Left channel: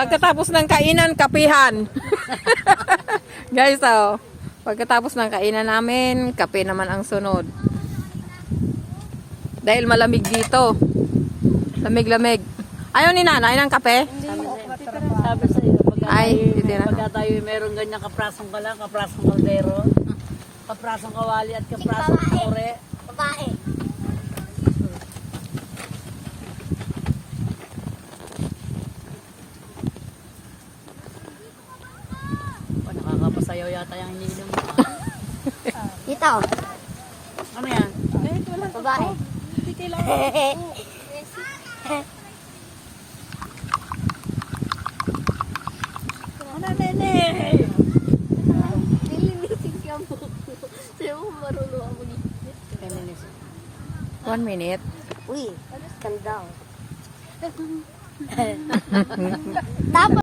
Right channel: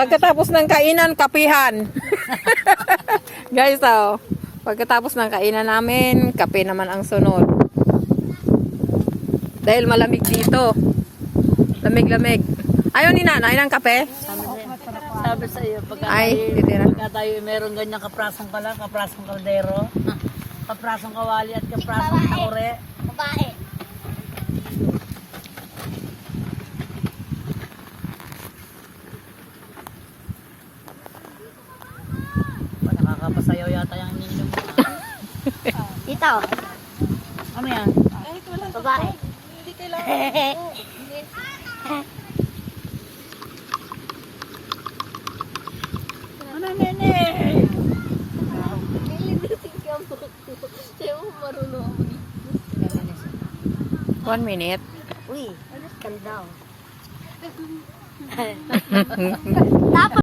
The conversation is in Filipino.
Pagkatapos ng kainan, kapihan. Guys, oh. Pagkatapos ng kainan namin, kape naman ang sunod. Dahil malamig dito. Lamig-lamig. Ayaw ni nanay ng kape? Sabi sa iyo, pagka tayo meron ganyang kaprasong pala, kaprasong kaldero, kaprasong kawali at kaprasong ore. Babae. Nakakapasayaw yata yung ininom mo. Ito. Ano yan? Babae. Hindi kailangan. Ano nene? Sayo mo marunong ako dito. 1 minute. Uy, calm down. Tapos